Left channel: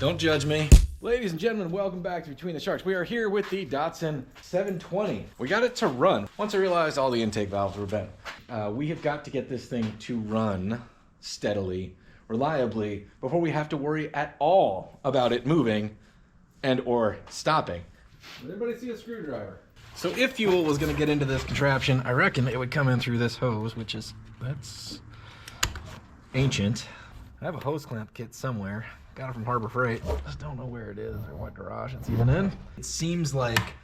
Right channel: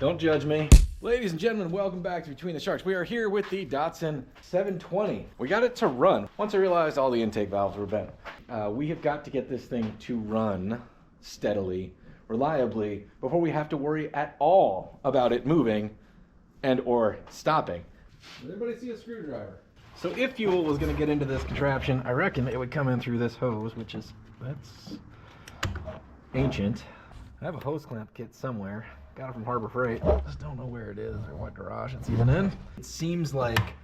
Don't judge me. Ladies and gentlemen, welcome back to Between the Sharks. We are here with the Datsun 720. We got it to run. Once I realized all the intake valves were bent. We have got to get this thing to run steadily, reliably, before we have to worry at all about it moving and or stopping. Does anybody see a screwdriver? So if fuel was gonna get into this contraption, I reckon it would come in through this hose, which is, that's ancient. I have a hose clamp kit somewhere. Got it from Harbor Freight. Just don't know where it is or what garage it's even in. It seems like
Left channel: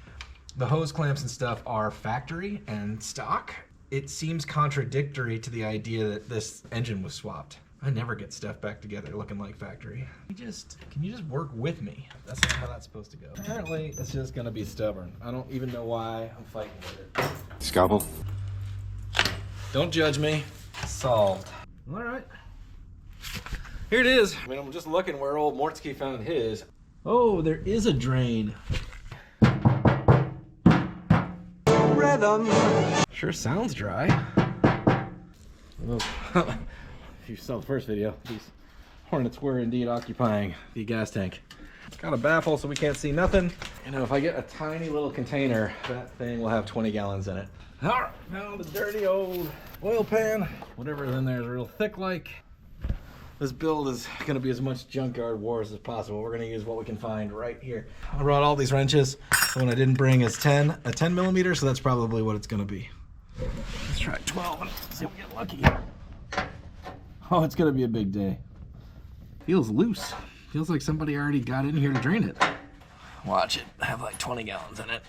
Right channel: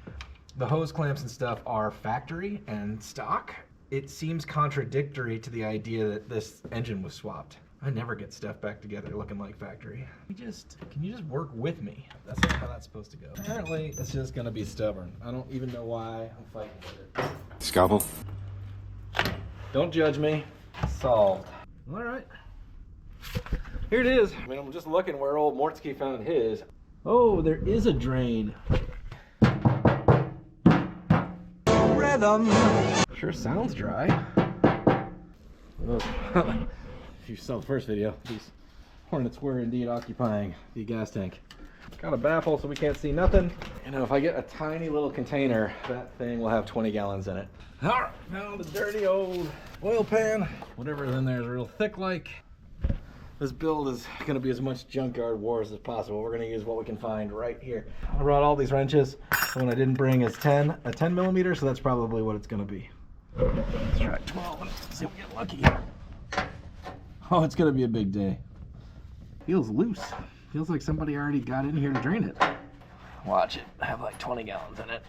the hose clamps and stuff are factory and stock. It seems contradictory to the idea that this engine was swapped. I never get stuff back together looking like factory. Can you just work with me? That's not how that's supposed to go. Apparently, it's just gonna be stubborn. I don't even know why I'm fighting with it. Scalpel. Don't judge me. Solved. All right. Here it is. I mean, I'm just looking where old Mortsky found his. Oh, there is a drain. Rhythm. Sure sounds dry. If you saw the first video, these hornets were indeed occupying the gas tank. Got a baffle so we can't see nothing. You know, if I get a tiny little container, that thing will have 20 gallons in it. All right, now the dirty old oil pan. Whatever's in there is real thick like. This build is gonna be as much junkyard wars as possible. We're gonna use what we can find right here. I brought all these wrenches. The one I didn't bring is a 10 millimeter, so that's probably what it's gonna be. Let's try 12 and see if we get lucky. Oh, it's gonna be a big day. Feels loose. Feels like somebody already got in here to drain it. Watch it, I have like 20 gallons in it.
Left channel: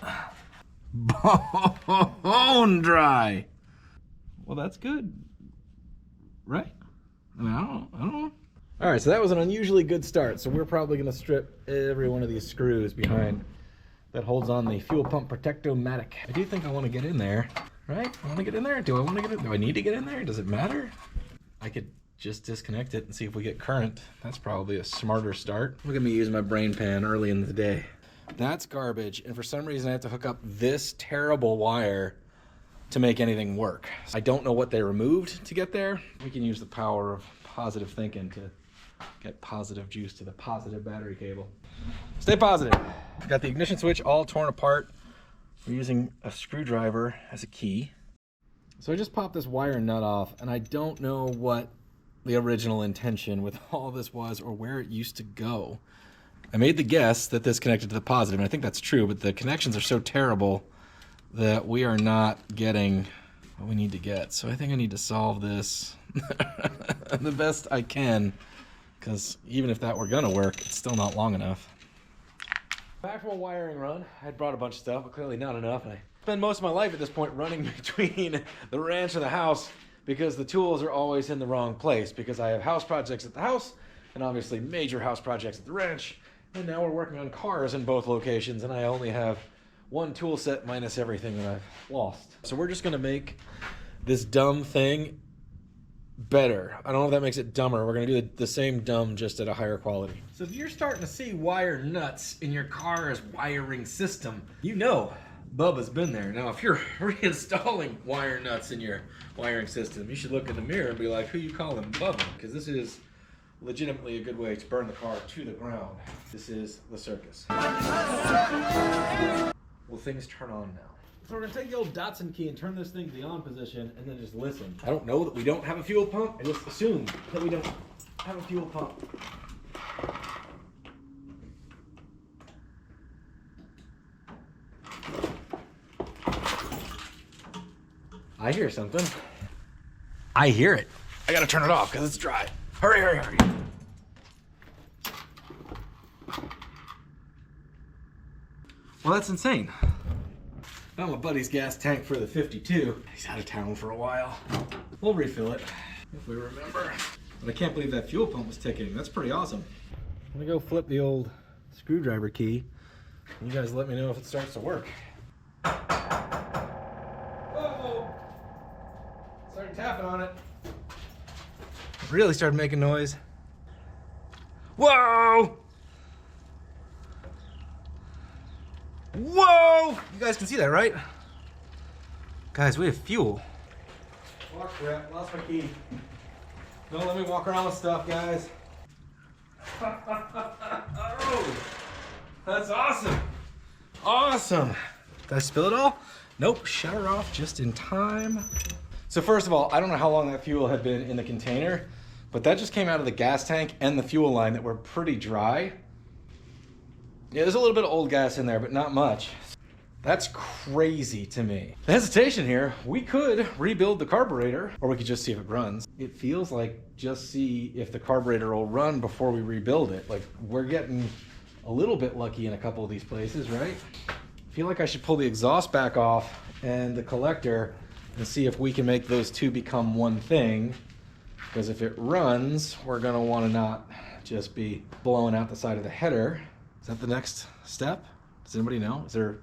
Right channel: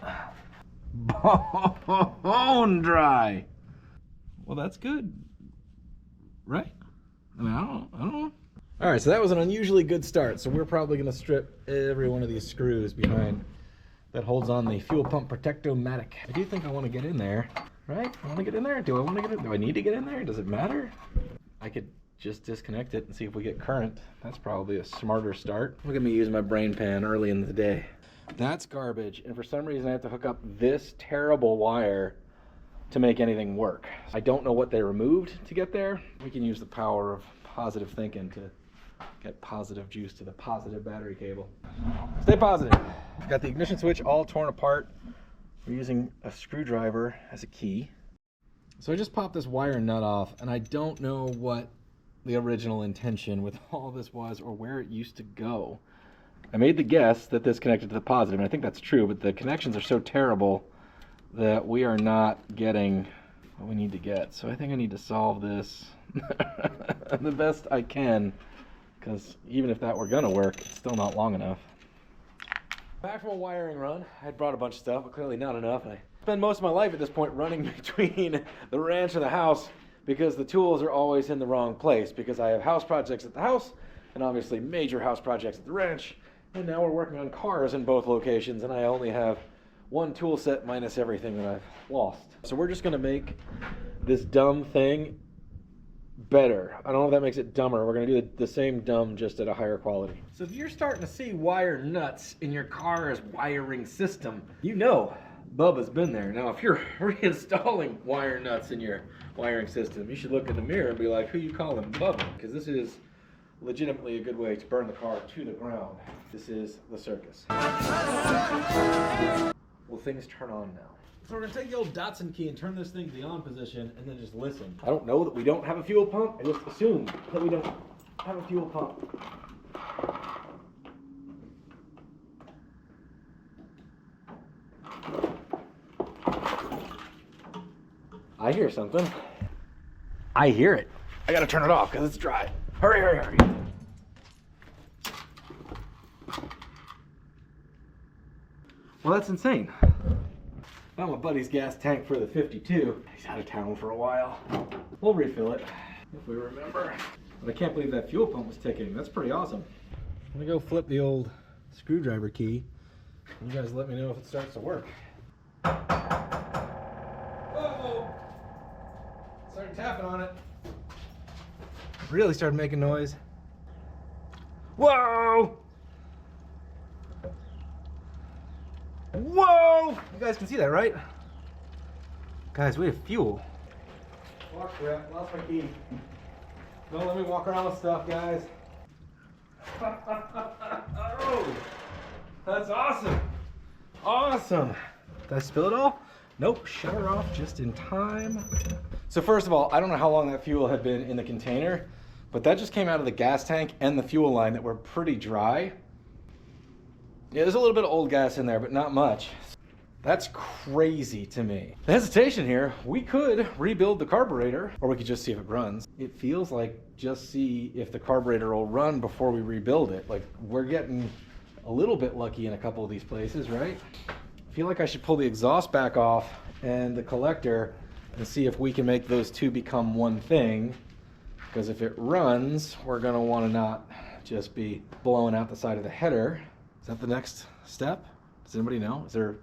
Bone dry. Well, that's good, right? I mean, I don't know. All right, so that was an unusually good start. So we're probably gonna strip every one of these screws behind that holds on the fuel pump protectomatic. I do think I wanna get in there, right? I wanna get in there? Do I wanna get in? Do I need to get in there? Does it matter? I could just disconnect it and see if we get current. That's probably a smarter start. Look at me using my brain pan early in the day. That's garbage, and for some reason I have to hook up this terrible wire to make anything work. I don't know what they removed to get there. We can use the power of positive thinking to get positive juice to the positive battery cable. Stay positive. Got the ignition switch all torn apart. We're using a screwdriver as a key. So I just popped this wire nut off, and I don't know what the original intention with all this was or where it used to go. I made the guess that this connected to the positive, and I think that's true, but the connections are so terrible that we are not getting what we need to get. So I think I need to solve this the best I can, because even if that were gonna work, it's still not long enough. Back from a wiring run, I had brought a bunch of stuff, but clearly not enough. And I spend most of my life at this point running between the ranch and the house because the tools are always in the wrong place, because I have house projects at the house and obviously major house projects at the ranch. And now we're working on cars in both locations, and I only have one tool set minus everything that I've lost. So we're just gonna make this dumb thing better. I don't know if that makes it dumber. We're gonna do the same dumb, just at a higher quality. So if you're starting to see wire nuts in your car's wiring system, you know Bubba's been there. Now, if you're reinstalling wire nuts in your wiring system, you should look in the mirror and be like, who you calling Bubba? Because this is legitimately a good way to burn the car to the ground. This is the circus. Will things turn on now? So we're gonna take the old Datsun key and turn this thing to the on position and then just listen. I don't know that we don't have a fuel pump. I just assume that we don't have a fuel pump. I hear something. I hear it. I gotta turn it off because it's dry. Hurry, hurry, hurry. Well, that's insane. Found my buddy's gas tank for the 52. He's out of town for a while. We'll refill it if we remember. But I can't believe that fuel pump was ticking. That's pretty awesome. I'm gonna go flip the old screwdriver key. You guys let me know if it starts to work. Whoa! Started tapping on it. Really started making noise. Whoa! Whoa! You guys can see that, right? Guys, we have fuel. Oh crap, lost my key. Don't let me walk around with stuff, guys. That's awesome. Awesome. Did I spill it all? Nope, shut her off just in time. So first of all, I don't know how long that fuel had been in the container, but that just came out of the gas tank and the fuel line that were pretty dry. Yeah, there's a little bit of old gas in there, but not much. That's crazy to me. The hesitation here, we could rebuild the carburetor, or we could just see if it runs. It feels like just see if the carburetor will run before we rebuild it. Like, we're getting a little bit lucky in a couple of these places, right? I feel like I should pull the exhaust back off and the collector and see if we can make those two become one thing. Because if it runs, we're gonna wanna not just be blowing out the side of the header. Is that the next step? Does anybody know? Is there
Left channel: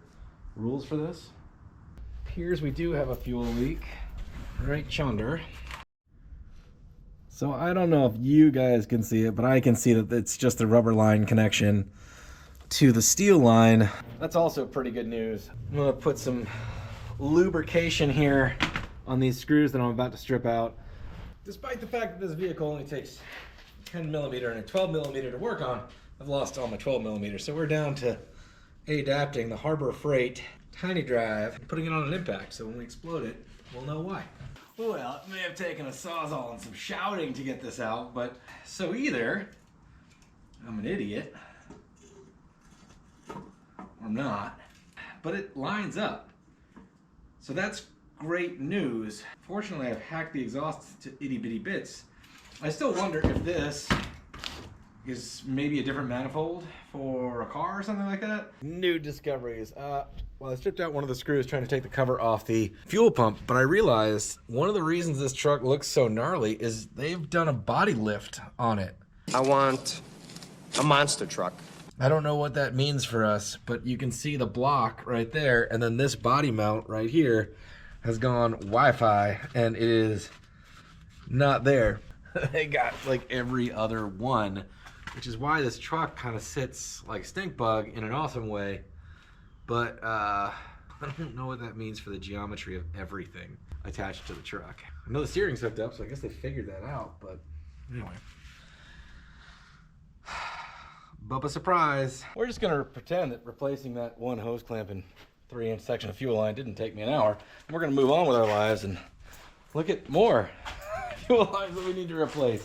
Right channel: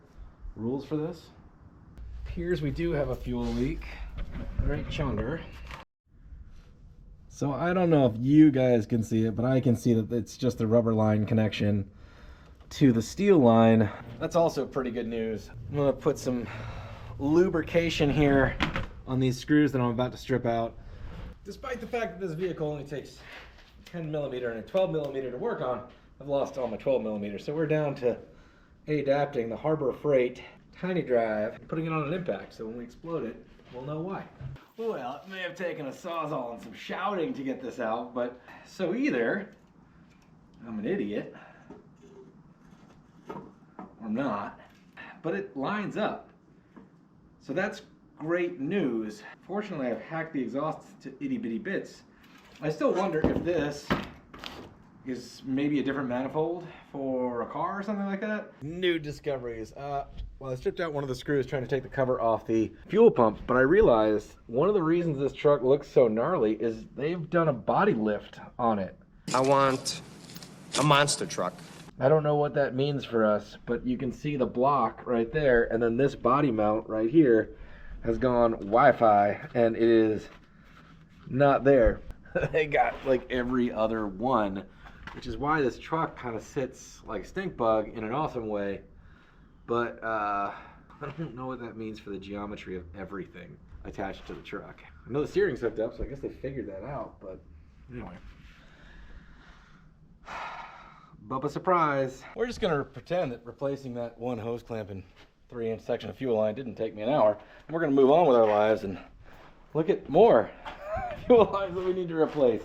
rules for this? Appears we do have a fuel leak right yonder. So I don't know if you guys can see it, but I can see that it's just a rubber line connection to the steel line. That's also pretty good news. I'm gonna put some lubrication here on these screws that I'm about to strip out. Despite the fact that this vehicle only takes 10 millimeter and a 12 millimeter to work on, I've lost all my 12 millimeters. So we're down to adapting the Harbor Freight tiny drive and putting it on an impact. So when we explode it, we'll know why. Well, it may have taken a sawzall and some shouting to get this out, but so either I'm an idiot or not, but it lines up. So that's great news. Fortunately, I've hacked the exhaust to itty bitty bits. I still wonder if this is maybe a different manifold for a car or something like that. New discoveries. Well, I stripped out one of the screws trying to take the cover off the fuel pump, but I realized one of the reasons this truck looks so gnarly is they've done a body lift on it. I want a monster truck. I don't know what that means for us, but you can see the block right there, and then this body mount right here has gone Wi-Fi, and it is not there. They got like every other one, which is why this truck kind of sits like stink bug in an awesome way. But I don't know what that means for the geometry of everything attached to the truck. I know the steering's hooked up, so I guess they figured that out, but anyway. Bubba surprise. We're just gonna pretend that replacing that one hose clamp and 3-inch section of fuel line didn't take me an hour. And we're gonna move on with our lives and look at more fuel lines that we need to replace.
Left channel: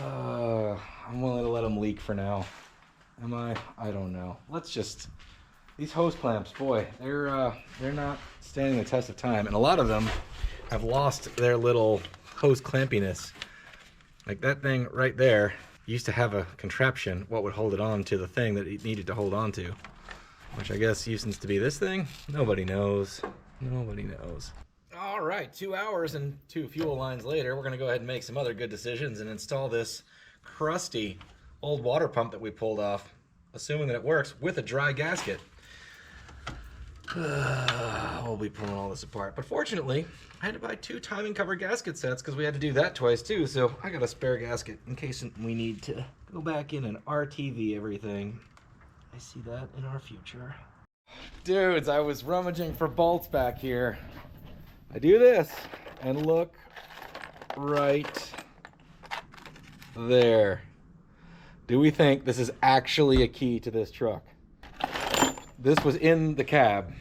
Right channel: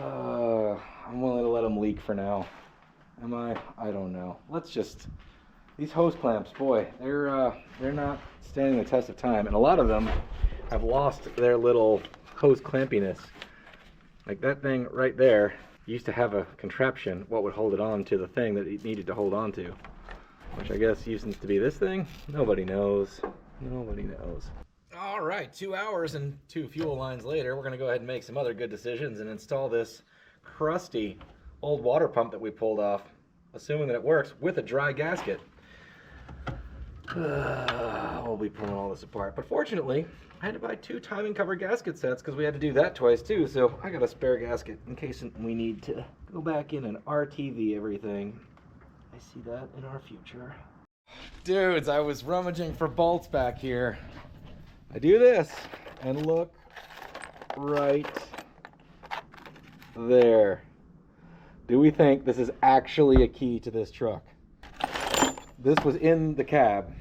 I'm willing to let them leak for now. Am I? I don't know. Let's just, these hose clamps, boy, they're not standing the test of time. And a lot of them have lost their little hose clampiness. Like that thing right there used to have a contraption, what would hold it on to the thing that it needed to hold on to, which I guess used to be this thing. Nobody knows. Nobody knows. All right, 2 hours and 2 fuel lines later, we're gonna go ahead and make some other good decisions and install this crusty old water pump that we pulled off, assuming that it works with a dry gasket. We'll be pulling all this apart, but fortunately, I had to buy 2 timing cover gasket sets because we had to do that twice too, so I got a spare gasket in case we need to go back in and RTV everything. I see that in our future. Dudes, I was rummaging for bolts back here. I do this, and look right there. Do we think this is actually a key to this truck? This was in the cab.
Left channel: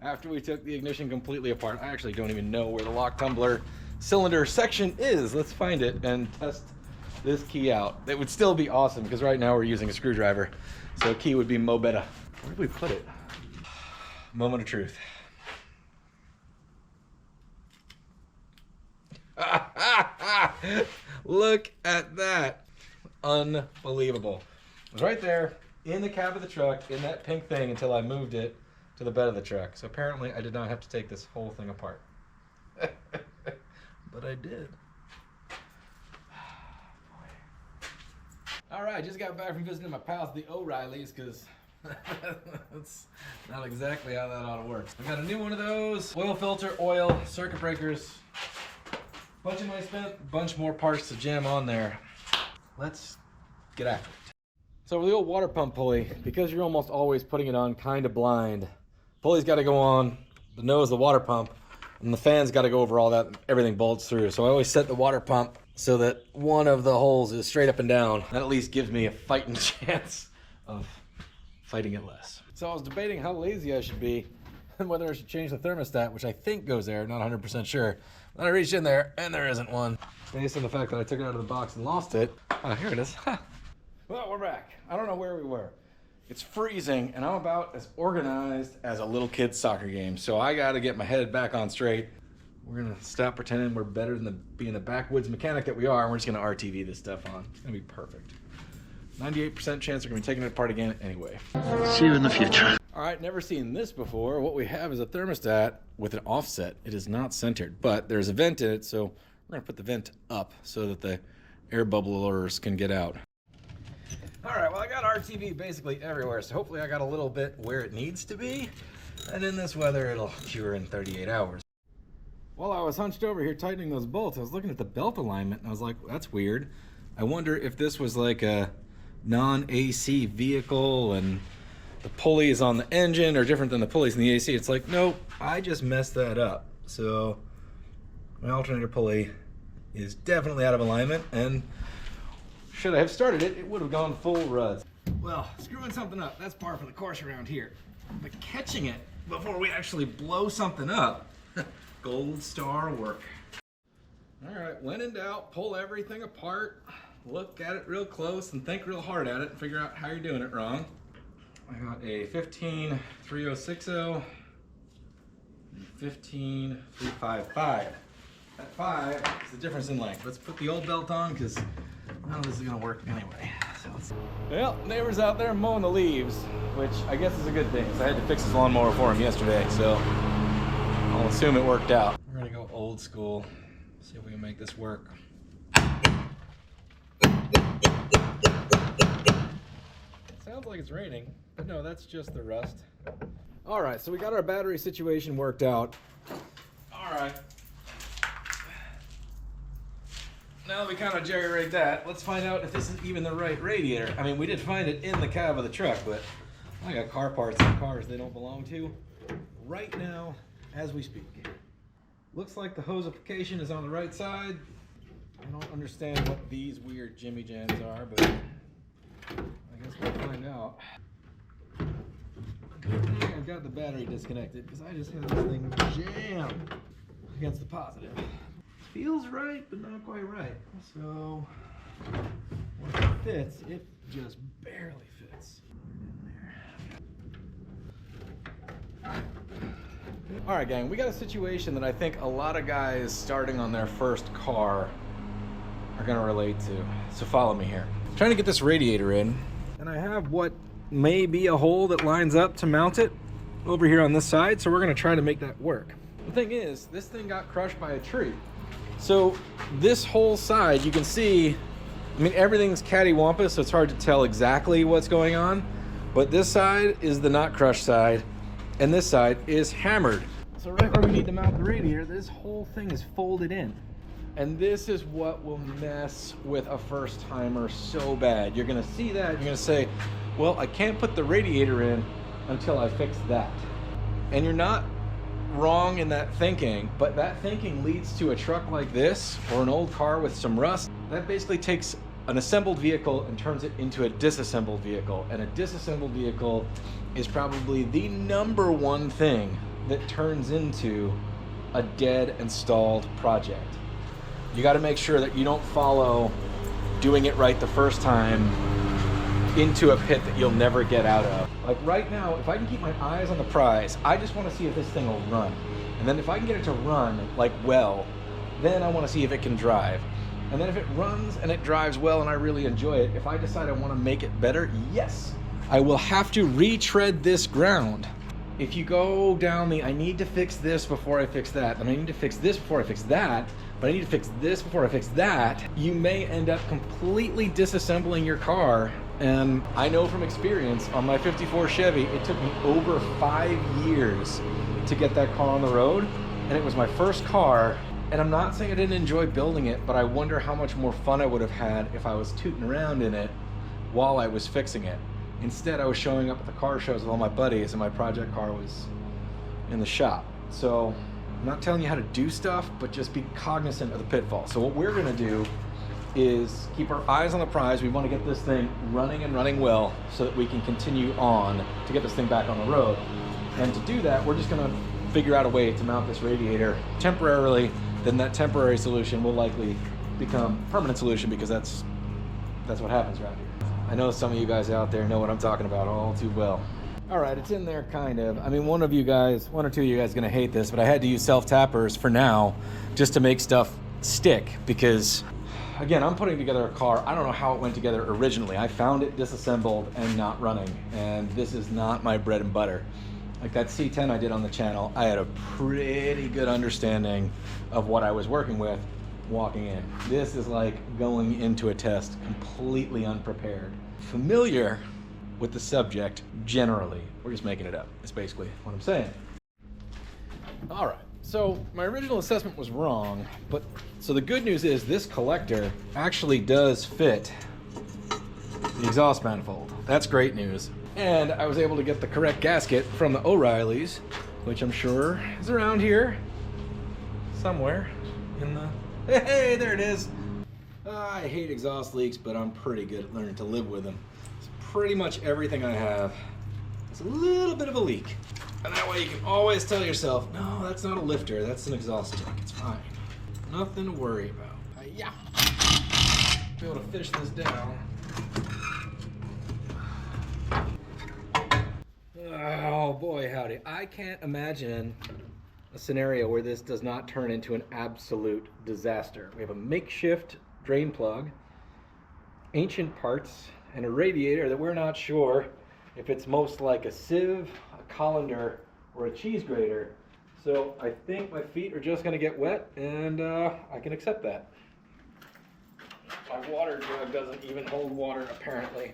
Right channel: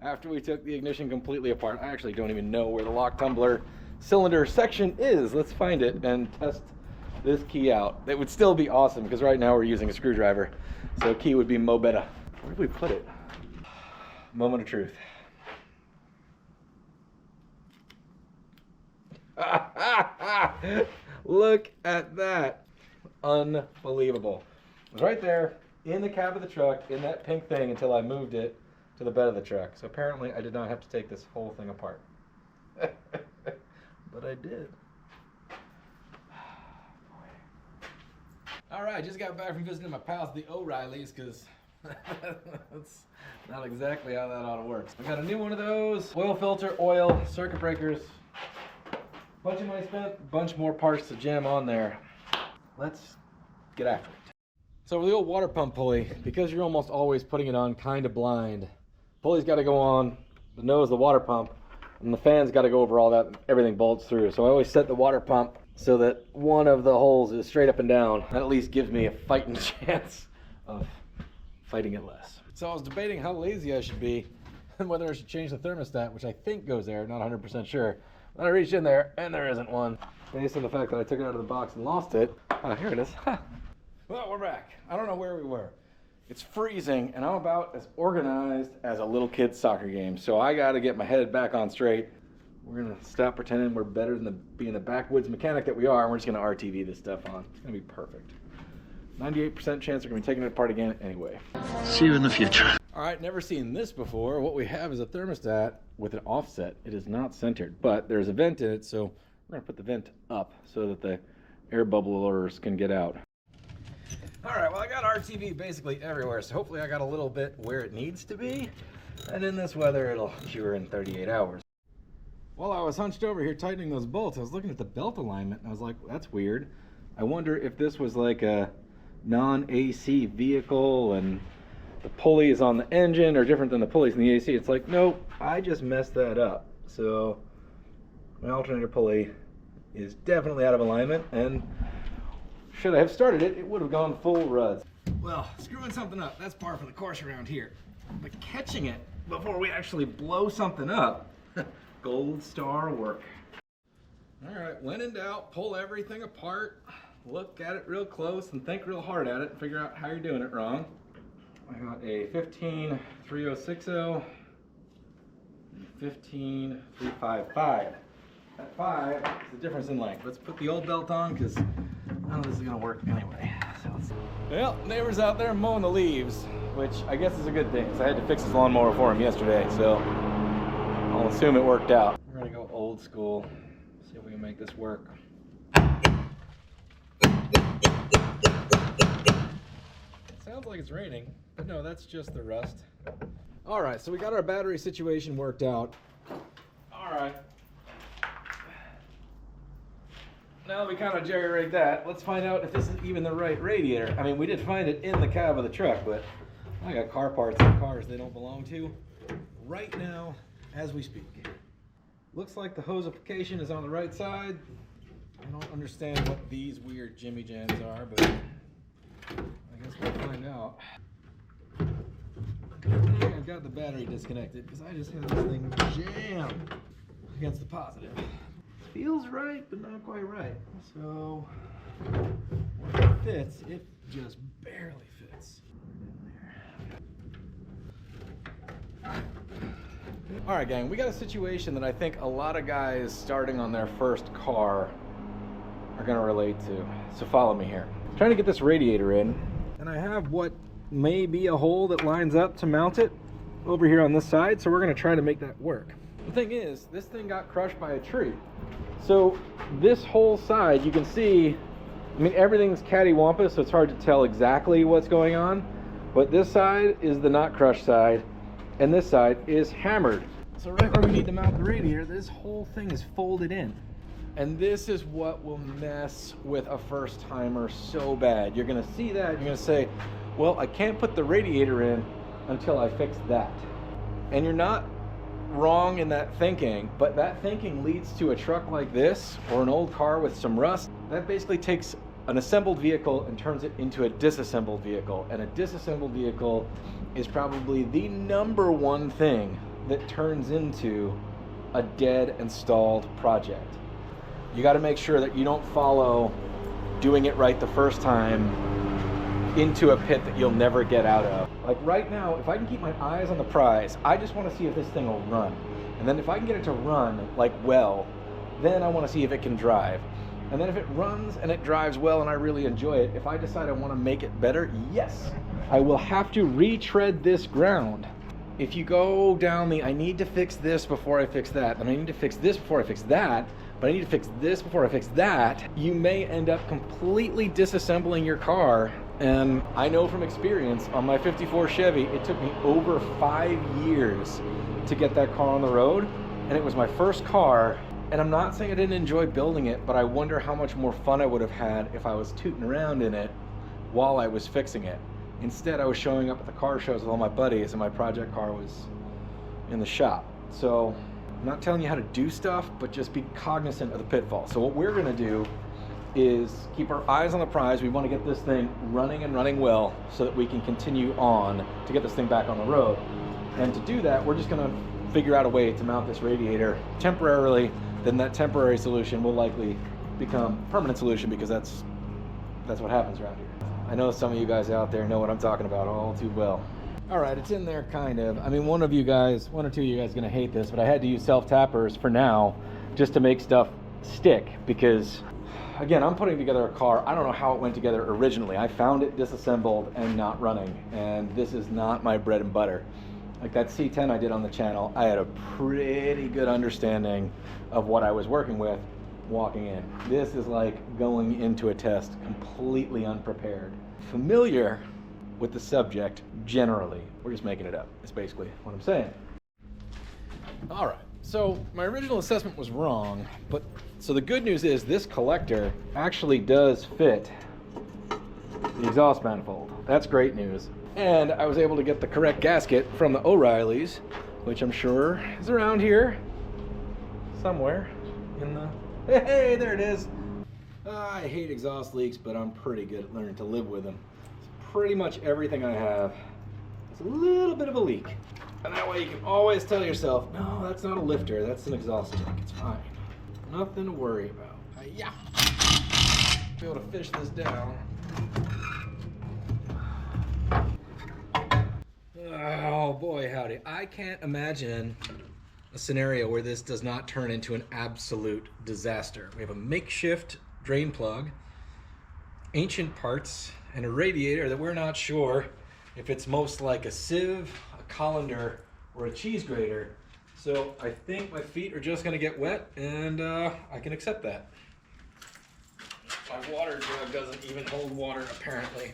After we took the ignition completely apart. I actually don't even know where the lock tumbler cylinder section is. Let's find it and test this key out. That would still be awesome because right now we're using a screwdriver. So key would be mo better. Where did we put it? Moment of truth. Look at that. Unbelievable. It was right there in the cab of the truck in that pink thing until I moved it to the bed of the truck. So apparently I did not have to take this whole thing apart. But I did. All right, just got back from visiting my pals, the O'Reillys, because that's not exactly how that ought to work. I got a new one of those. Oil filter, oil, circuit breakers. Bunch of money spent, bunch more parts to jam on there. Let's get after it. So with the old water pump pulley, because you're almost always putting it on kind of blind, pulley's got to go on the nose of the water pump, and the fan's got to go over all that, and everything bolts through. So I always set the water pump so that one of the holes is straight up and down. That at least gives me a fighting chance of fighting it less. So I was debating how lazy I should be and whether I should change the thermostat, which I think goes there, not 100% sure. Then I reached in there and there isn't one. Based on the fact that I took it out of the box and lost it. Oh, here it is. Well, we're back. I don't know where we were. It's freezing and I'm about as organized as a little kid's soccer game. So I got to get my head back on straight. We're going to stop pretending we're better than being the backwoods mechanic that we are. And we're just going to RTV this stuff on. It's going to be perfect. 98% chance we're going to be taking it apart again anyway. See you in the future. All right, never seen this before. What we have is a thermostat with an offset. It is not centered, but there's a vent in it, so we're going to put the vent up so that the air bubblers can get out. All right, well, I got RTV basically everywhere, so hopefully I got a little bit where it needs to be, and in this weather, it'll cure in 38 hours. While I was hunched over here tightening those bolts, I was looking at the belt alignment, and I was like, that's weird. I wonder if this was like a non-AC vehicle, and the pulley is on the engine or different than the pulleys in the AC. It's like, nope, I just messed that up. So my alternator pulley is definitely out of alignment, and should I have started it, it would have gone full ruds. Well, screwing something up, that's par for the course around here. But catching it before we actually blow something up, gold star work. All right, when in doubt, pull everything apart, look at it real close and think real hard at it and figure out how you're doing it wrong. I got a 15-3060 and 15-355. That 5 is the difference in length. Let's put the old belt on because none of this is going to work anyway. Well, neighbor's out there mowing the leaves, which I guess is a good thing because I had to fix his lawnmower for him yesterday, so I'll assume it worked out. We're going to go old school, see if we can make this work. Sounds like it's raining, but no, that's just the rust. All right, so we got our battery situation worked out. All right. Now that we kind of jerry-rigged that, let's find out if this is even the right radiator. I mean, we did find it in the cab of the truck, but I got car parts in cars they don't belong to right now as we speak. Looks like the hose application is on the right side. I don't understand what these weird jimmy jams are, but I guess we'll find out. I think I've got the battery disconnected because I just had this thing jammed against the positive. Feels right, but not quite right. So when it fits, it just barely fits. All right, gang, we got a situation that I think a lot of guys starting on their first car are gonna relate to. So follow me here. I'm trying to get this radiator in, and I have what may be a hole that lines up to mount it over here on this side, so we're gonna try to make that work. The thing is, this thing got crushed by a tree. So this whole side, you can see, I mean, everything's cattywampus, so it's hard to tell exactly what's going on, but this side is the not crushed side, and this side is hammered. So right where we need to mount the radiator, this whole thing is folded in. And this is what will mess with a first timer so bad. You're gonna see that, you're gonna say, well, I can't put the radiator in until I fix that. And you're not wrong in that thinking, but that thinking leads to a truck like this or an old car with some rust. That basically takes an assembled vehicle and turns it into a disassembled vehicle. And a disassembled vehicle is probably the #1 thing that turns into a dead and stalled project. You got to make sure that you don't follow doing it right the first time into a pit that you'll never get out of. Like right now, if I can keep my eyes on the prize, I just want to see if this thing will run. And then if I can get it to run like well, then I want to see if it can drive. And then if it runs and it drives well and I really enjoy it, if I decide I want to make it better, yes, I will have to retread this ground. If you go down the, I need to fix this before I fix that, and I need to fix this before I fix that, but I need to fix this before I fix that, you may end up completely disassembling your car. And I know from experience, on my 54 Chevy, it took me over 5 years to get that car on the road, and it was my first car. And I'm not saying I didn't enjoy building it, but I wonder how much more fun I would have had if I was tooting around in it while I was fixing it. Instead, I was showing up at the car shows with all my buddies and my project car was in the shop. So I'm not telling you how to do stuff, but just be cognizant of the pitfall. So what we're gonna do is keep our eyes on the prize. We want to get this thing running and running well so that we can continue on to get this thing back on the road. And to do that, we're just going to figure out a way to mount this radiator temporarily. Then that temporary solution will likely become a permanent solution, because that's what happens around here. I know some of you guys out there know what I'm talking about all too well. All right, it's in there kind of. I mean, one or two of you guys are gonna hate this, but I had to use self-tappers for now just to make stuff stick, because again, I'm putting together a car. I don't know how it went together originally. I found it disassembled and not running, and this is not my bread and butter. Like that C10 I did on the channel, I had a pretty good understanding of what I was working with walking in. This is like going into a test completely unprepared. Familiar with the subject generally. We're just making it up. That's basically what I'm saying. All right, so my original assessment was wrong, but so the good news is this collector actually does fit the exhaust manifold. That's great news. And I was able to get the correct gasket from the O'Reilly's, which I'm sure is around here somewhere in the... Hey, there it is. I hate exhaust leaks, but I'm pretty good at learning to live with them. It's pretty much everything I have is a little bit of a leak. And that way you can always tell yourself, no, that's not a lifter, that's an exhaust check. It's fine. Nothing to worry about. Yeah. Be able to fish this down. Oh boy, howdy. I can't imagine a scenario where this does not turn into an absolute disaster. We have a makeshift drain plug, ancient parts, and a radiator that we're not sure if it's most like a sieve, a colander, or a cheese grater. So I think my feet are just gonna get wet, and I can accept that. My water jug doesn't even hold water, apparently.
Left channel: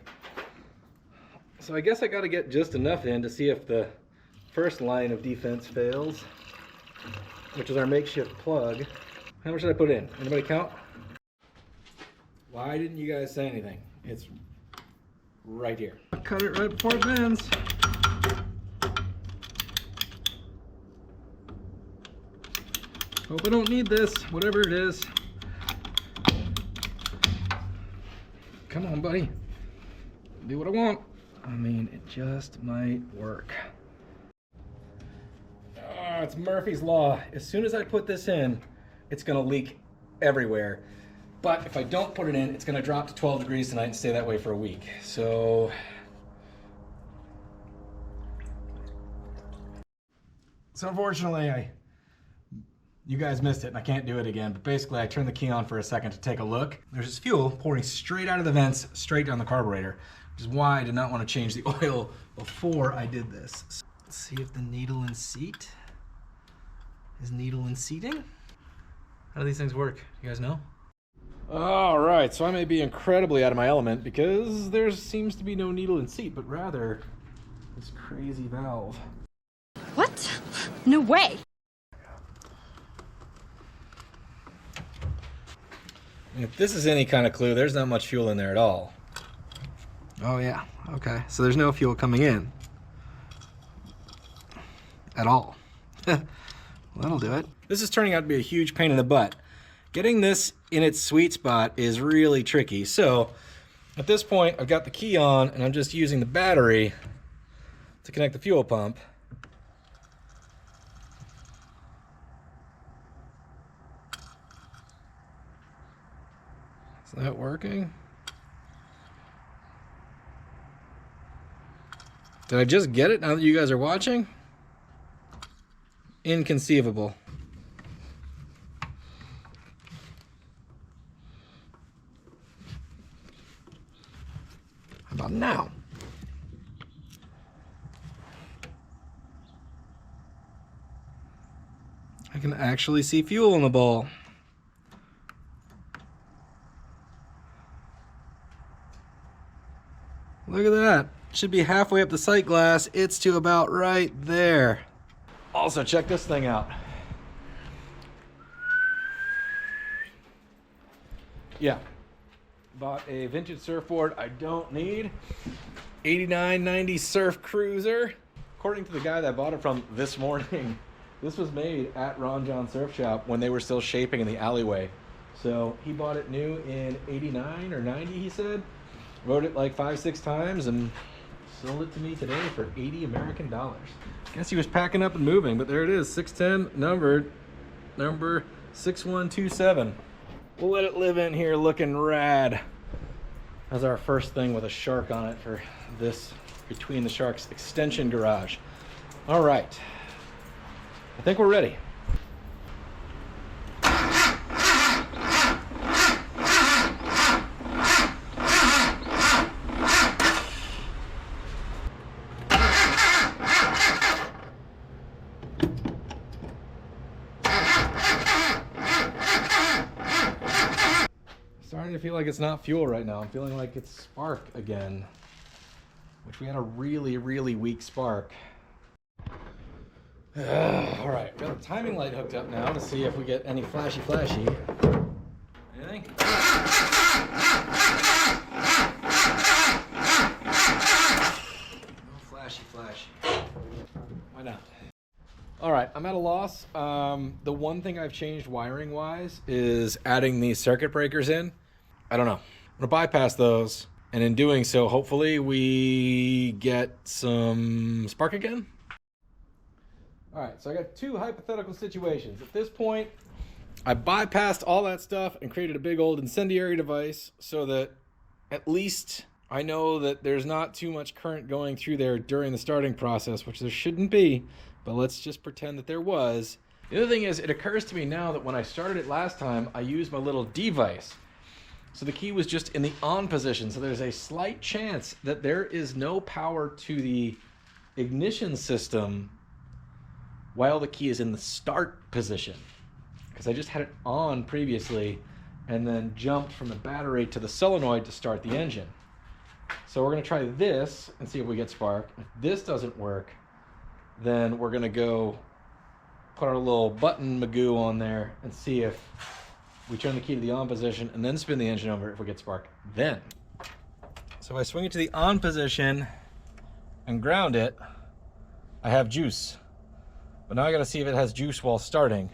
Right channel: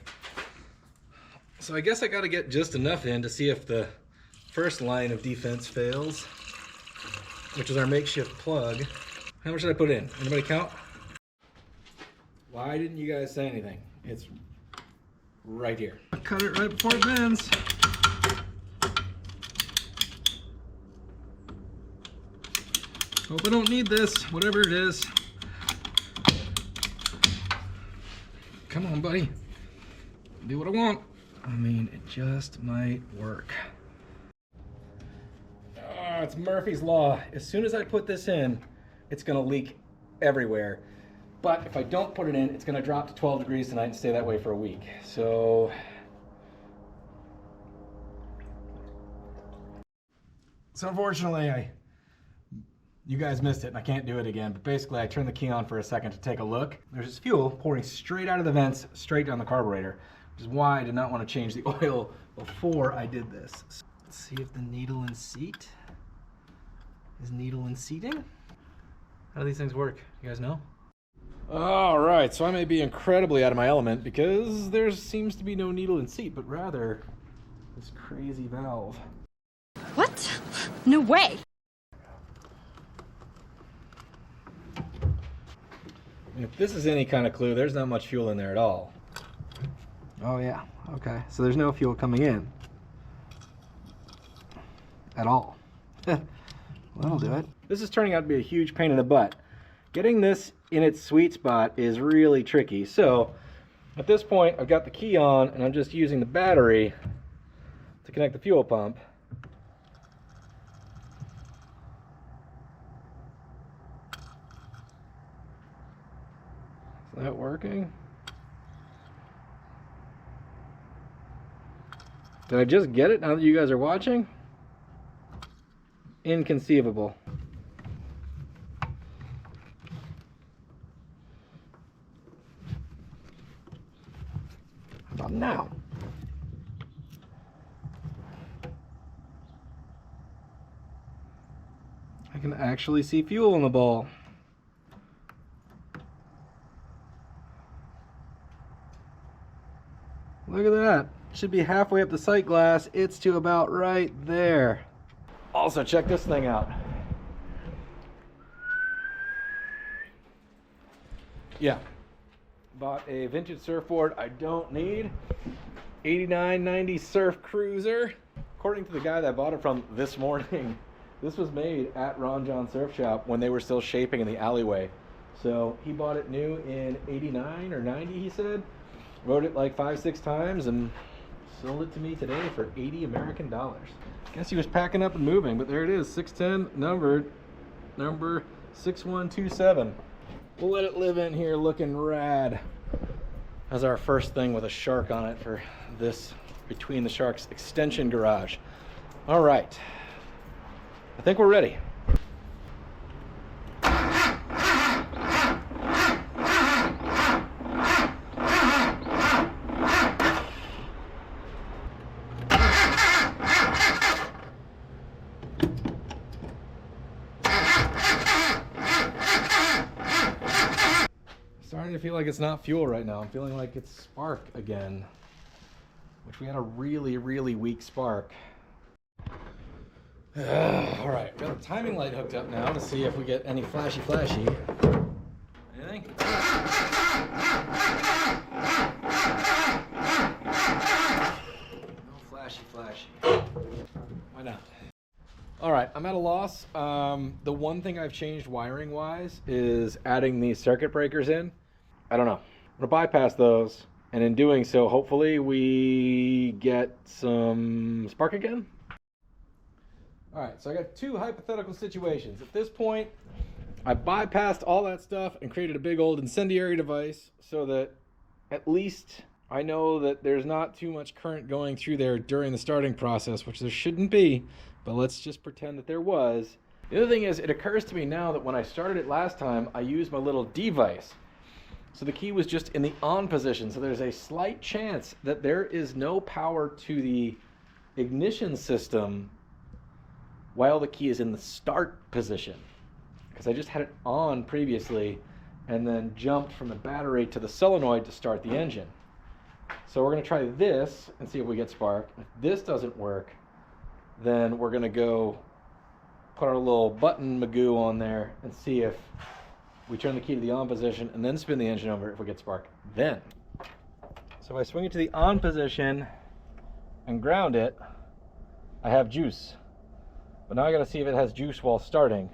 So I guess I gotta get just enough in to see if the first line of defense fails, which is our makeshift plug. How much did I put in? Anybody count? Why didn't you guys say anything? It's right here. I'll cut it right before it bends. Hope I don't need this, whatever it is. Come on, buddy. Do what I want. I mean, it just might work. It's Murphy's Law. As soon as I put this in, it's gonna leak everywhere. But if I don't put it in, it's gonna drop to 12 degrees tonight and stay that way for a week. So unfortunately, you guys missed it and I can't do it again. But basically, I turned the key on for a second to take a look. There's this fuel pouring straight out of the vents, straight down the carburetor, which is why I did not want to change the oil before I did this. Let's see if the needle and seat is needle and seating. How do these things work? You guys know? All right, so I may be incredibly out of my element because there seems to be no needle and seat, but rather this crazy valve. What? No way. If this is any kind of clue, there's not much fuel in there at all. Oh yeah, okay. So there's no fuel coming in. At all. That'll do it. This is turning out to be a huge pain in the butt. Getting this in its sweet spot is really tricky. So at this point, I've got the key on and I'm just using the battery to connect the fuel pump. Is that working? Did I just get it now that you guys are watching? Inconceivable. How about now? I can actually see fuel in the ball. Look at that. Should be halfway up the sight glass. It's to about right there. Also, check this thing out. Yeah. Bought a vintage surfboard I don't need. 89, 90 Surf Cruiser. According to the guy that I bought it from this morning, this was made at Ron John Surf Shop when they were still shaping in the alleyway. So he bought it new in 89 or 90, he said. Rode it like 5-6 times and sold it to me today for 80 American dollars. Guess he was packing up and moving, but there it is, 610, numbered, number 6127. We'll let it live in here looking rad. That's our first thing with a shark on it for this Between the Sharks extension garage. All right, I think we're ready. Starting to feel like it's not fuel right now. I'm feeling like it's spark again, which we had a really, really weak spark. All right, we got the timing light hooked up now to see if we get any flashy. Anything? No flashy. Why not? All right, I'm at a loss. The one thing I've changed wiring wise is adding these circuit breakers in. I don't know. I'm gonna bypass those, and in doing so, hopefully we get some spark again. All right, so I got two hypothetical situations. At this point, I bypassed all that stuff and created a big old incendiary device so that at least I know that there's not too much current going through there during the starting process, which there shouldn't be, but let's just pretend that there was. The other thing is, it occurs to me now that when I started it last time, I used my little device. So the key was just in the on position. So there's a slight chance that there is no power to the ignition system while the key is in the start position. Because I just had it on previously and then jumped from the battery to the solenoid to start the engine. So we're gonna try this and see if we get spark. If this doesn't work, then we're gonna go put our little button magoo on there and see if we turn the key to the on position and then spin the engine over. If we get spark, then. So if I swing it to the on position and ground it, I have juice. But now I gotta see if it has juice while starting.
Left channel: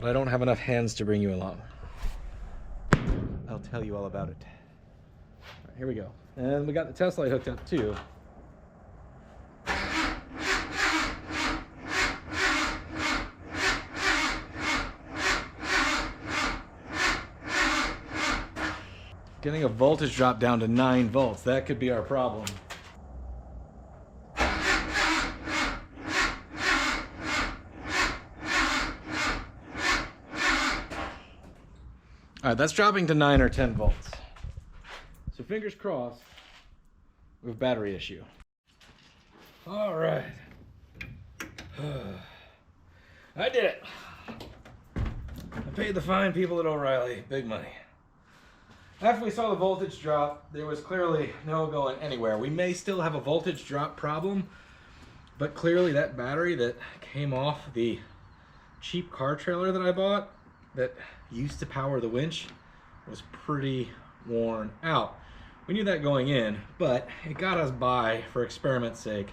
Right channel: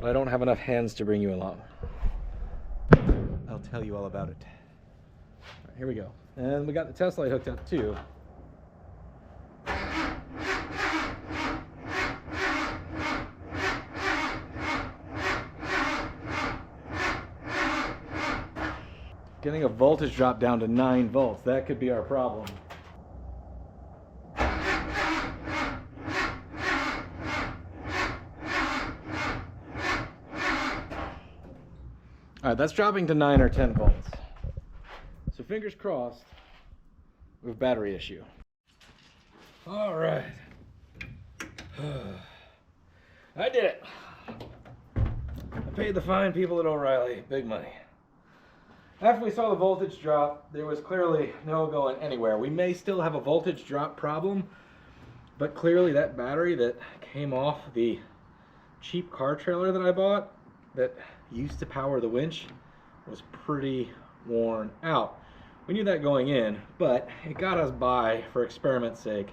But I don't have enough hands to bring you along. I'll tell you all about it. All right, here we go. And we got the test light hooked up too. Getting a voltage drop down to 9 volts, that could be our problem. All right, that's dropping to 9 or 10 volts. So fingers crossed, we have a battery issue. All right. I did it. I paid the fine people at O'Reilly big money. After we saw the voltage drop, there was clearly no going anywhere. We may still have a voltage drop problem, but clearly that battery that came off the cheap car trailer that I bought that used to power the winch was pretty worn out. We knew that going in, but it got us by for experiment's sake.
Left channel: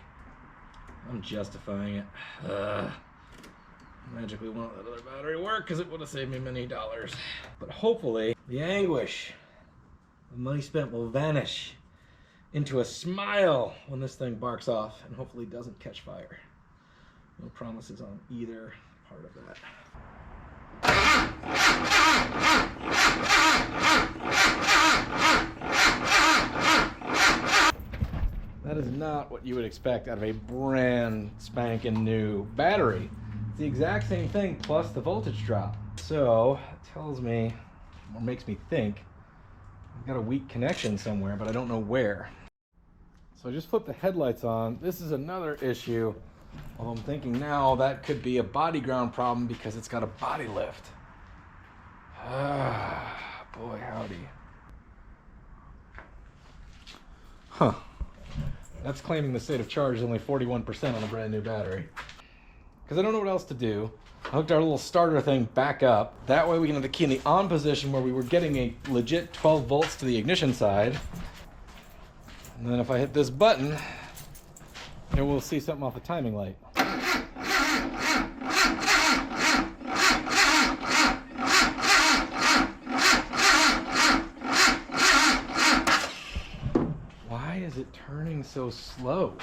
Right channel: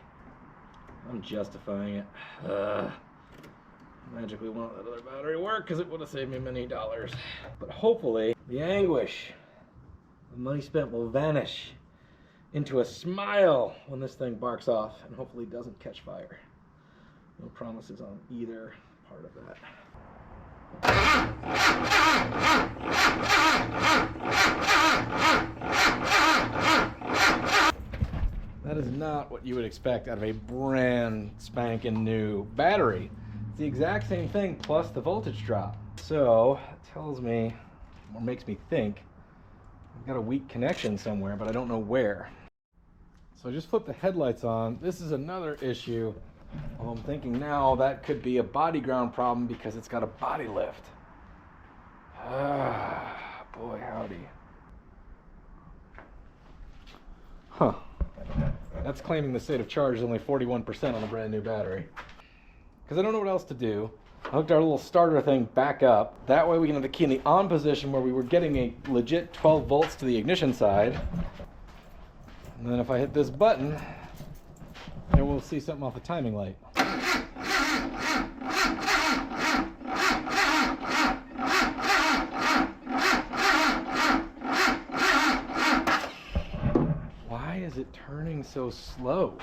I'm justifying it. Magically won't let that other battery work because it would have saved me many dollars. But hopefully the anguish, the money spent will vanish into a smile when this thing barks off and hopefully doesn't catch fire. No promises on either part of that. That is not what you would expect out of a brand spanking new battery. It's the exact same thing plus the voltage drop. So it tells me, or makes me think, I've got a weak connection somewhere, but I don't know where. So I just flipped the headlights on. This is another issue. Well, I'm thinking now that could be a body ground problem because it's got a body lift. Ah, boy howdy. Huh. That's claiming the state of charge is only 41% on a brand new battery. Because I don't know what else to do. I hooked our little starter thing back up. That way we can have the key in the on position where we were getting a legit 12 volts to the ignition side. And then if I hit this button, then we'll see something off the timing light. is it turning so slow?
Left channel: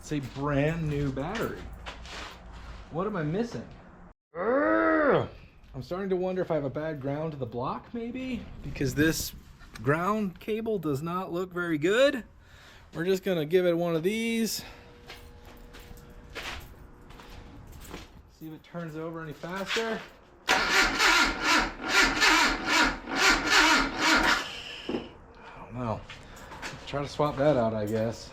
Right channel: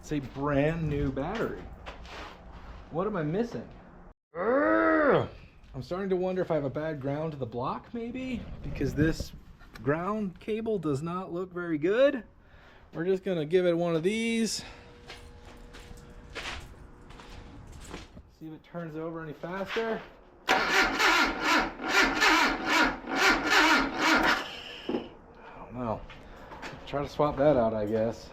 It's a brand new battery. What am I missing? Urgh! I'm starting to wonder if I have a bad ground to the block, maybe? Because this ground cable does not look very good. We're just gonna give it one of these. See if it turns over any faster. I don't know. Try to swap that out, I guess.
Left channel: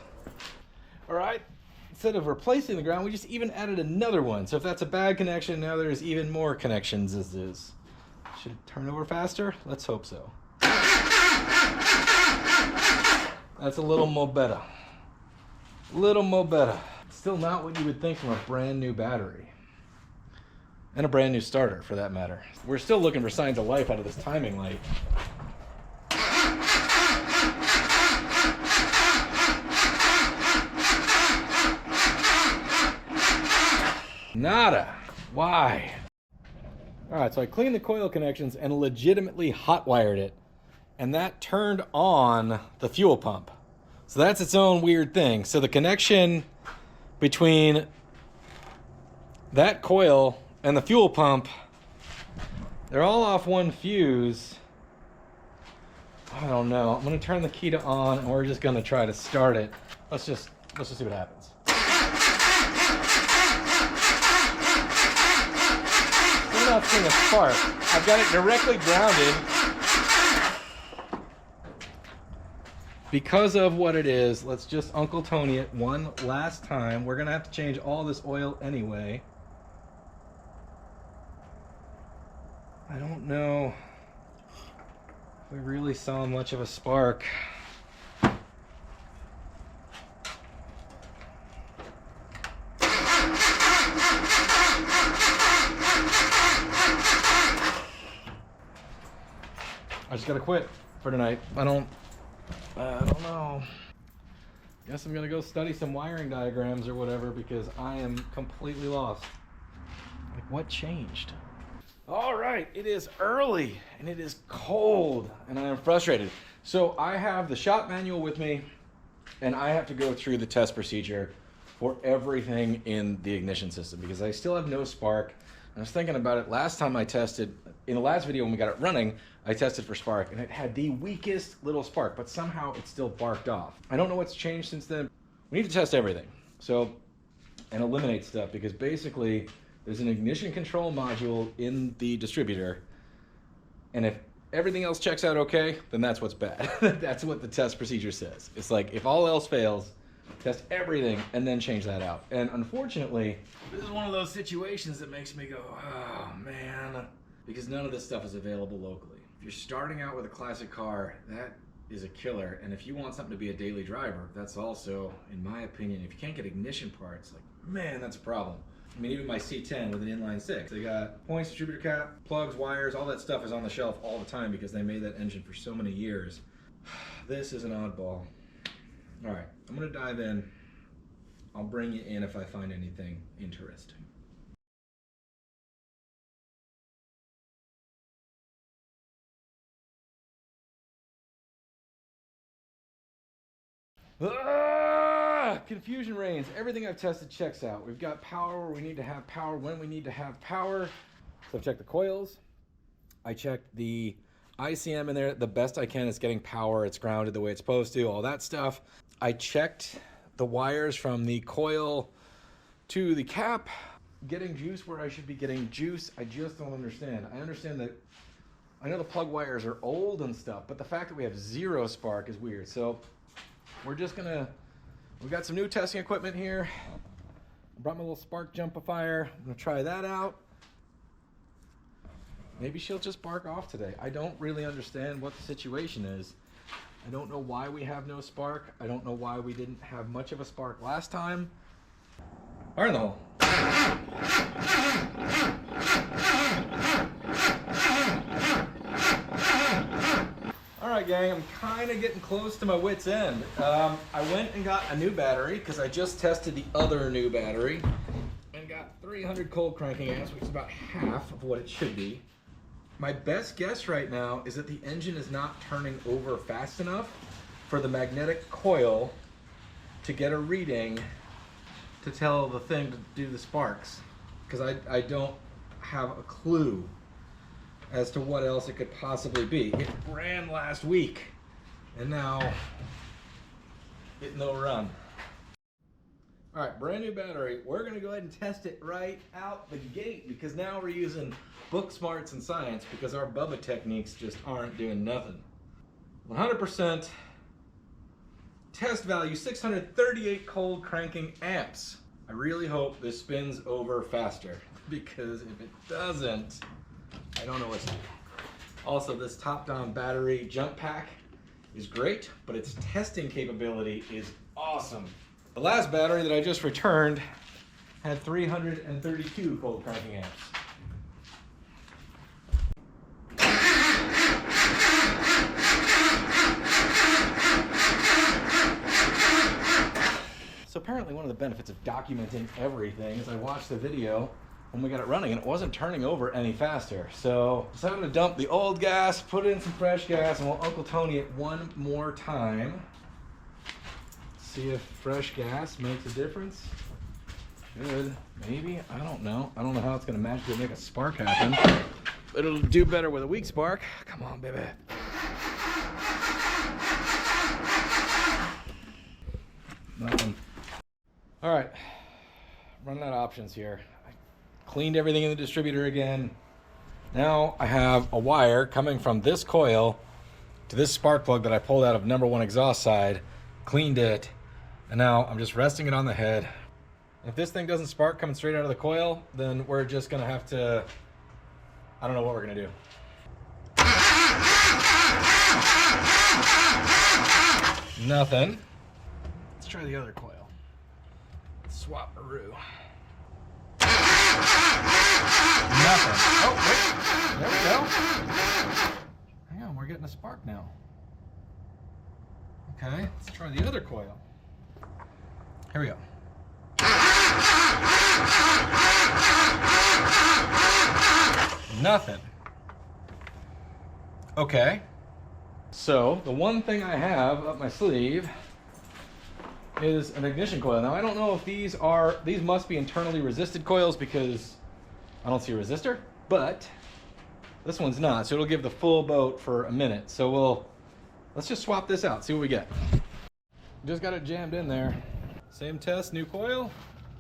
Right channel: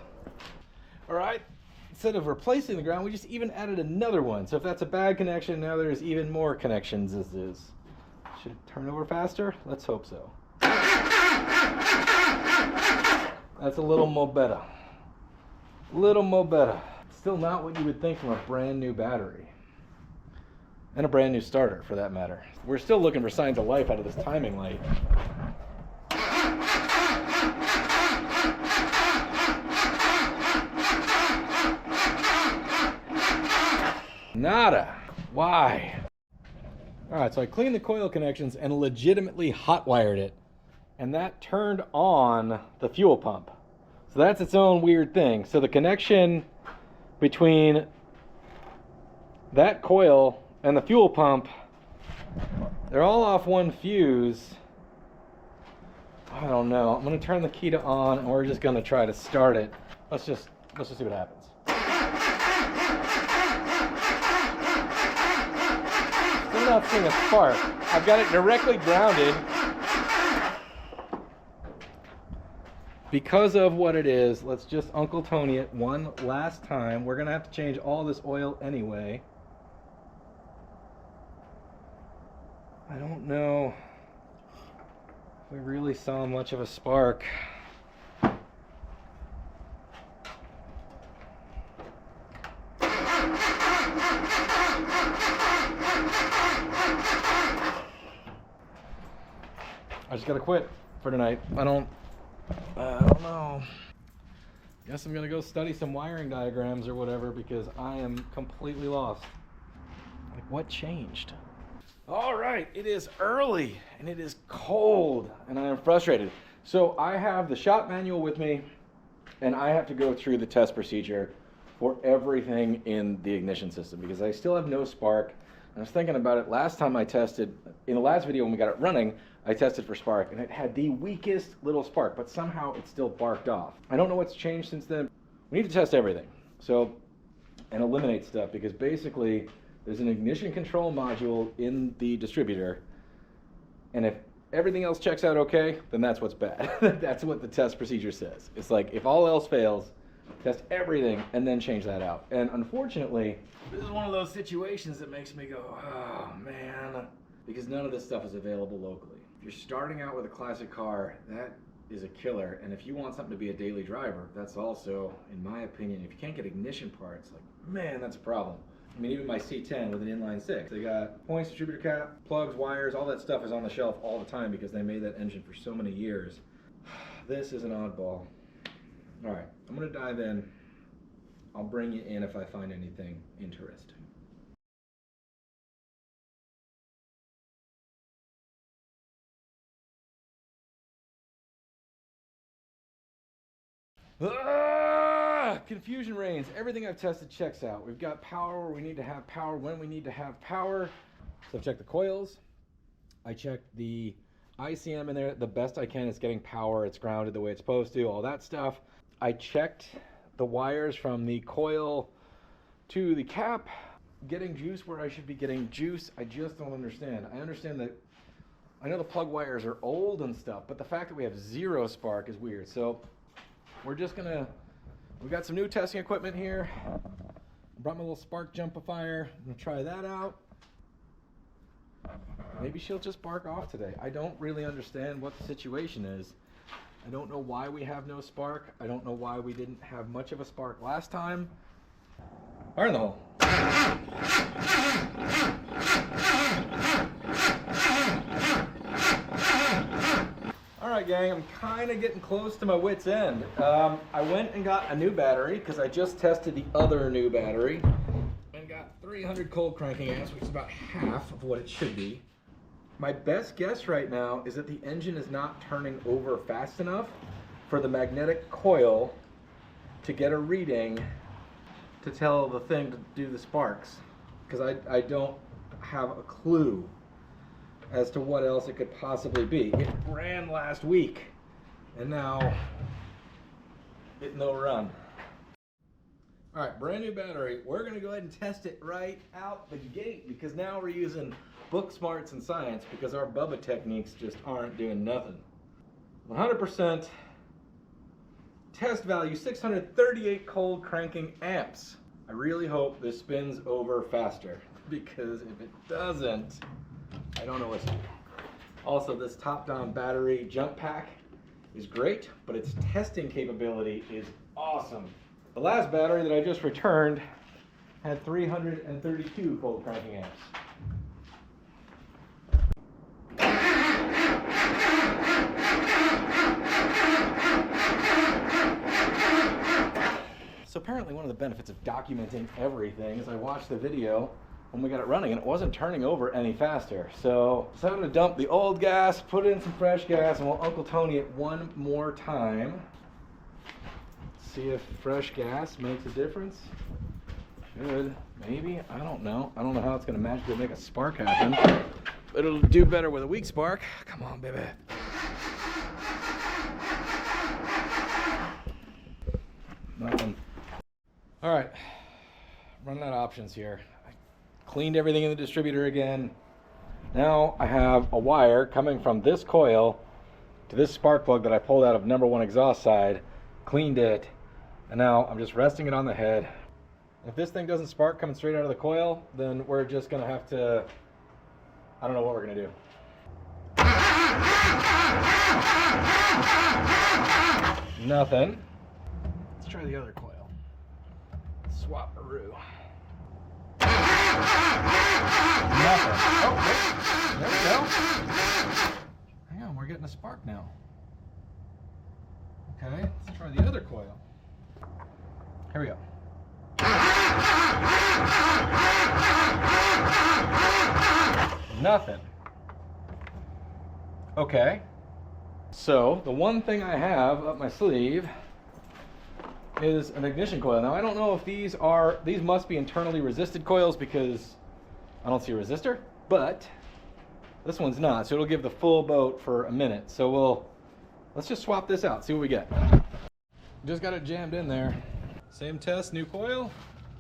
All right. Instead of replacing the ground, we just even added another one. So if that's a bad connection, now there's even more connections as is. Should it turn over faster? Let's hope so. That's a little more better. A little more better. Still not what you would think from a brand new battery. And a brand new starter, for that matter. We're still looking for signs of life out of this timing light. Nada. Why? All right, so I cleaned the coil connections and legitimately hot wired it, and that turned on the fuel pump. So that's its own weird thing. So the connection between that coil and the fuel pump, they're all off one fuse. I don't know. I'm gonna turn the key to on, and we're just gonna try to start it. Let's just see what happens. Still not seeing a spark. I've got it directly grounded. Because of what it is, let's just Uncle Tony it one last time. We're gonna have to change all this oil anyway. I don't know if we really saw much of a spark. I just gotta quit for tonight. I don't know. Guess I'm gonna go study some wiring diagrams or whatever because I am completely lost. Like, what changed? All right, it is early and it is cold and I am frustrated. So I have the shop manual with me and I have to go through the test procedure for everything in the ignition system because I still have no spark. I was thinking about it last time I tested, in the last video when we got it running, I tested for spark and it had the weakest little spark, but somehow it still barked off. I don't know what's changed since then. We need to test everything. So, and eliminate stuff because basically there's an ignition control module in the distributor. And if everything else checks out okay, then that's what's bad. That's what the test procedure says. It's like if all else fails, test everything and then change that out. And unfortunately, this is one of those situations that makes me go, oh man, because none of this stuff is available locally. If you're starting out with a classic car, that is a killer. And if you want something to be a daily driver, that's also, in my opinion, if you can't get ignition parts, like, man, that's a problem. I mean, even my C10 with an inline six, they got points, distributor cap, plugs, wires, all that stuff is on the shelf all the time because they made that engine for so many years. This is an oddball. All right, I'm gonna dive in. I'll bring you in if I find anything interesting. Confusion reigns. Everything I've tested checks out. We've got power where we need to have power when we need to have power. So I've checked the coils. I checked the ICM in there the best I can. It's getting power. It's grounded the way it's supposed to. All that stuff. I checked the wires from the coil to the cap. Getting juice where I should be getting juice. I just don't understand. I understand that. I know the plug wires are old and stuff, but the fact that we have zero spark is weird. So we're just gonna, we've got some new testing equipment here. I brought my little spark jumpifier. I'm gonna try that out. Maybe she'll just bark off today. I don't really understand what the situation is. I don't know why we have no spark. I don't know why we didn't have much of a spark last time. Fire in the hole. All right, gang, I'm kind of getting close to my wit's end. I went and got a new battery because I just tested the other new battery and got 300 cold cranking amps, which is about half of what it should be. My best guess right now is that the engine is not turning over fast enough for the magnetic coil to get a reading to tell the thing to do the sparks, because I don't have a clue as to what else it could possibly be. It ran last week and now it no run. All right, brand new battery. We're gonna go ahead and test it right out the gate, because now we're using book smarts and science, because our Bubba techniques just aren't doing nothing. 100% test value, 638 cold cranking amps. I really hope this spins over faster, because if it doesn't, I don't know what to do. Also, this top-down battery jump pack is great, but its testing capability is awesome. The last battery that I just returned had 332 cold cranking amps. So apparently one of the benefits of documenting everything is I watched the video when we got it running and it wasn't turning over any faster. So decided to dump the old gas, put in some fresh gas, and we'll Uncle Tony it one more time. See if fresh gas makes a difference. Should, maybe, I don't know. I don't know how it's gonna magically make a spark happen, but it'll do better with a weak spark. Come on, baby. Nothing. All right, running out of options here. I cleaned everything in the distributor again. Now I have a wire coming from this coil to this spark plug that I pulled out of #1 exhaust side, cleaned it, and now I'm just resting it on the head. If this thing doesn't spark coming straight out of the coil, then we're just gonna have to, I don't know what we're gonna do. Nothing. Let's try the other coil. Swap-a-roo. Nothing. Oh, wait. There we go. Hang on, we're getting a spark now. Okay, let's try the other coil. Here we go. Nothing. Okay. So, the one thing I have up my sleeve is an ignition coil. Now I don't know if these must be internally resisted coils, because I don't see a resistor, but this one's not, so it'll give the full boat for a minute. So let's just swap this out, see what we get. Just got it jammed in there. Same test, new coil.